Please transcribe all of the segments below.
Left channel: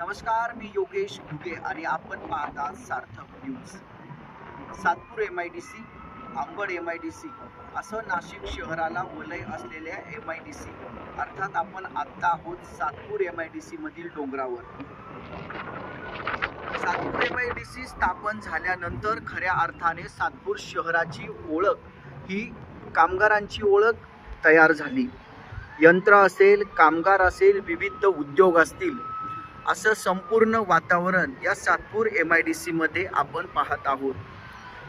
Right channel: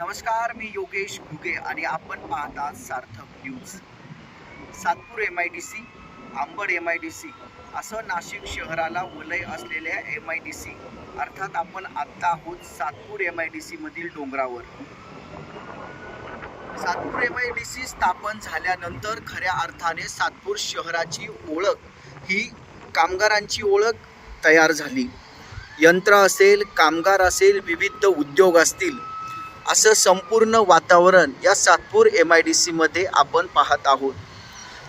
नमस्कार मी योगेश घुगे आणि आपण पाहता Sarthak news. Satpur M I D C Ambad M I D C असं नाशिक शहराला वलय असलेल्या एम आय डी सी अर्थात आपण आत्ता आहोत Satpur M I D C मधील डोंगरावर. Satpur M I D C स्थापन झाल्यानंतर खऱ्या अर्थाने सातपूर शहराची ओळख ही कामगारांची ओळख तयार झाली. यंत्र असेल कामगार असेल विविध उद्योग असतील असं संपूर्ण वातावरण या सातपूर एम आय डी सीमध्ये आपण पाहत आहोत.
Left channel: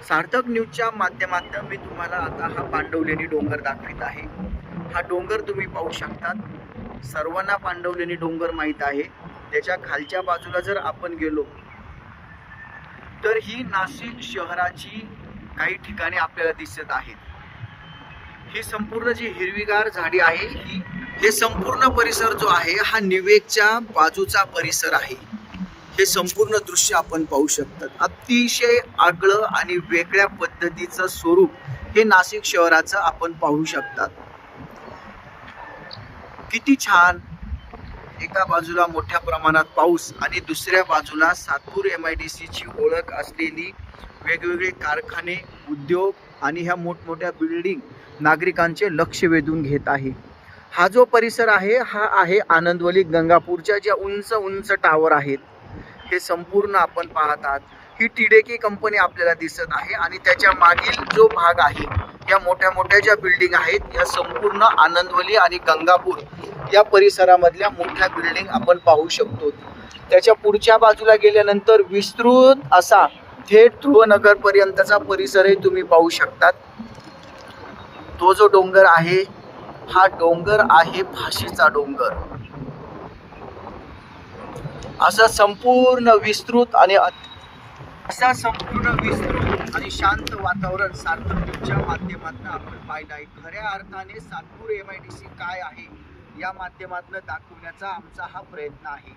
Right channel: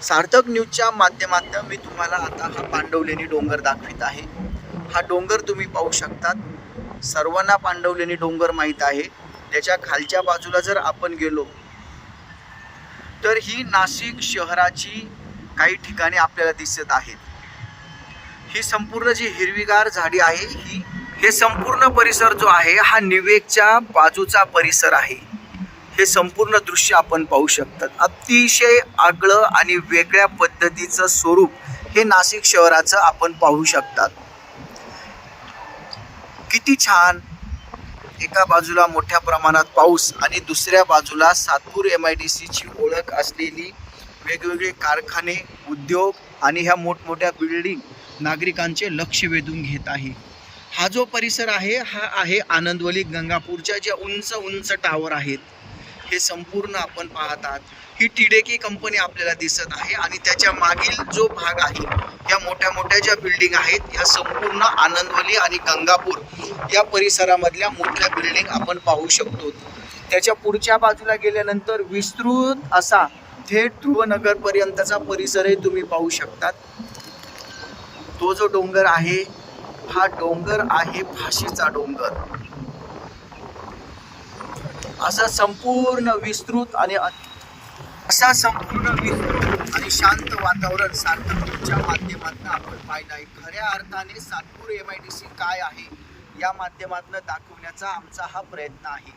सार्थक न्यूजच्या माध्यमातून मी तुम्हाला आता हा पांडवलेणी डोंगर दाखवित आहे. हा डोंगर तुम्ही पाहू शकतात. सर्वांना पांडवलेणी डोंगर माहीत आहे. त्याच्या खालच्या बाजूला जर आपण गेलो तर ही नाशिक शहराची काही ठिकाणे आपल्याला दिसत आहेत. ही संपूर्ण जी हिरवीगार झाडी आहे ही हे संपूर्ण परिसर जो आहे हा निवेकच्या बाजूचा परिसर आहे. हे संपूर्ण दृश्य आपण पाहू शकतात. अतिशय आगळं आणि वेगळ्या पद्धतीचं स्वरूप हे नाशिक शहराचं आपण पाहू शकतात. किती छान! एका बाजूला मोठ्या प्रमाणात पाऊस आणि दुसऱ्या बाजूला सातपूर एम आय डी सीची ओळख असलेली वेगवेगळे कारखाने उद्योग आणि ह्या मोठमोठ्या बिल्डिंग नागरिकांचे लक्ष वेधून घेत आहे. हा जो परिसर आहे हा आहे आनंदवली गंगापूरच्या ज्या उंच उंच टावर आहेत हे संपूर्ण आपण पाहतात ही टिडेकी कंपनी आपल्याला दिसत आहे आणि त्याच्या मागील जो भाग आहे या मोठ्या मोठ्या ज्या बिल्डिंग आहेत या संपूर्ण आनंदवली आणि गंगापूर या परिसरामधल्या मोठ्या बिल्डिंग आपण पाहू शकतो. त्याच्या पुढच्या बाजूला गेल्यानंतर विस्तृत असा थेट ध्रुवनगरपर्यंतचा परिसरही तुम्ही पाहू शकतात. तो जो डोंगर आहे हा डोंगर आहे फाशीचा डोंगर. असा संपूर्ण विस्तृत आणि असा संपूर्ण विस्तृत आणि शांत वातावरण सार्थकच्या माध्यमातून आपण पाहिलं आहे. खऱ्या अर्थाने Satpur M I D C काय आहे या माध्यमातून दाखवण्याचा आमचा हा प्रयत्न आहे.